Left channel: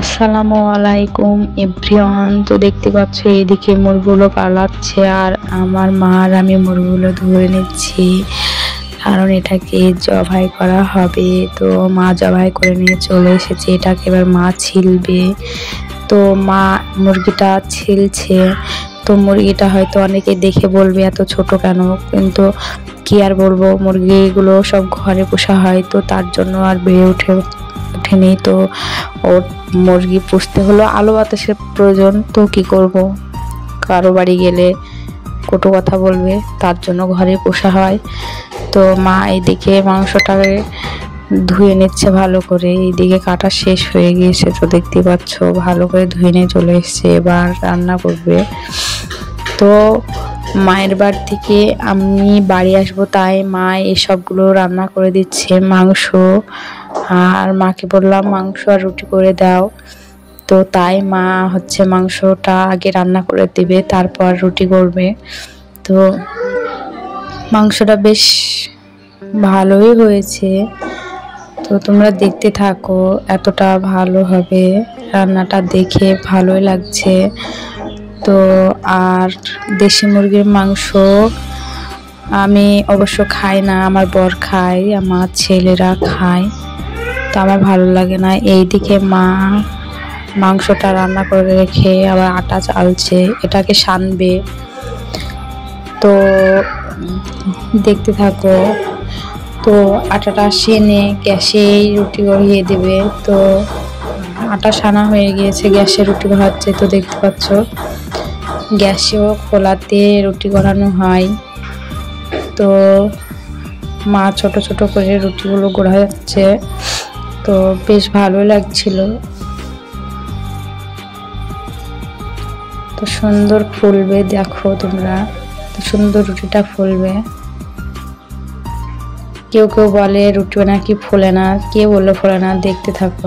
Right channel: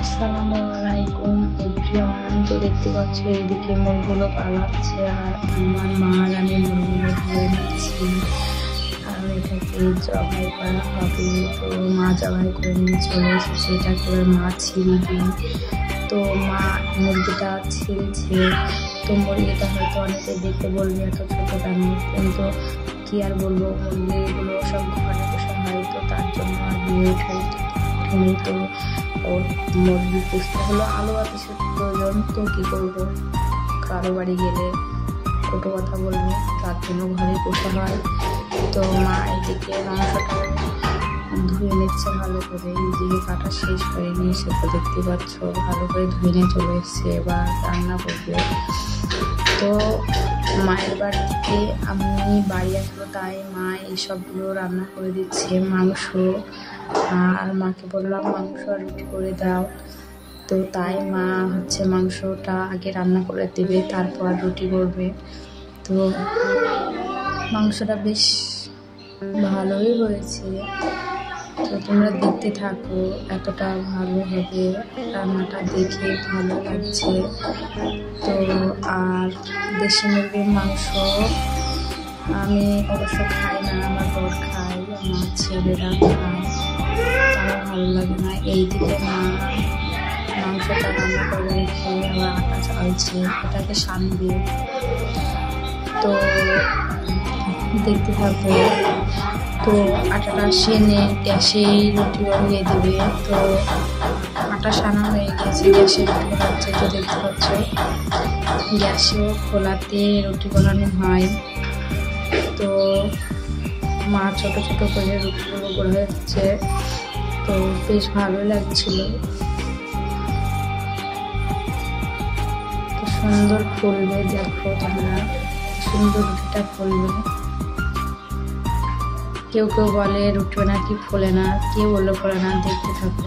আসসালামু আলাইকুম এভরিওয়ান। তো দেখতে পাচ্ছ এদিকে মুরগুলো পালাচ্ছে আর আমার মা আর আমি মুরগুলো ধরে নিচ্ছি, কারণ এটাকে জবাই করা হবে। তো মা জবাই করে নিয়ে চলে এসেছে, এটাকে এবার মা ছিলবে। তো মা মুরগিটা ছিলছে। তো মুরগিটা হয়তো অনেকে দেখে বলবে এত ছোট কেন, কিন্তু কি আর বলবো, মুরগিগুলো সব ঘরে পোষা হয়, তো তার জন্য আর বেড়ে ওঠেনি। তো ওর মুরগি পুষতে হলো, আলো বাতাসের প্রয়োজন, তো কি করব, কারো বাড়ি গেলে কটু কথা বলবে, তার জন্য ঘরে পোষা হয়। তো মা এইদিকে মাংসটাকে ধুয়ে নিচ্ছে ভালো করে, এইদিকে কাটা শেষ হয়ে গিয়েছে। তো দেখতে পাচ্ছ ভালো করে ধুয়ে নিয়ে চলে এসছে, এবার রান্না করবে। তো মায়ের বাড়ি থেকে আমি বাড়ি আসবো, তাই মা এসবগুলো রান্না করে দিচ্ছে, মাংস। আর মাকে বললাম মাংস আর রুটি করে দাও, তো তাই মা হচ্ছে মাংসটা আগে রান্না করে দিবে, তারপর রুটি করবে। তো মাংসটা বেশ ভালোই হয়েছে, তো তোমরা দেখতে থাকো, এতটা ভালো হবে রান্নাটা, দেখে ভালোই লাগছে। তো আর দেশি মুরগির মাংস আমি অবশ্য খাই না, আমার বর খায়, আমার ছেলেরা খায়, তো আমার ভালো লাগে না। এইদিকে মা মাংসটা রান্না করে রেখে আবার আটা চালছে, এটাকে সানবে। তো দেখতে থাকো। তো আটাটা সেনে গ্যাসে রুটি গড়িয়ে দেবে। তো আটা সানা হয়ে গিয়েছে, গ্যাসে রুটি গড়াচ্ছে। তো দেখতে পাচ্ছ গ্যাসেও খোলাতে রুটি গড়ানো হয়। তো মা ছোট ছোট করে রুটিগুলো গড়া যাচ্ছে, তো বেশ ভালো লাগছিল। তো সুন্দর ফুলবে, দেখো তোমরা, সুন্দর রুটিটা ফুলবে। কেউ কেউ বলে রুটি নাকি ফোলে না, কে বলে ফোলে না, দেখতে থাকো।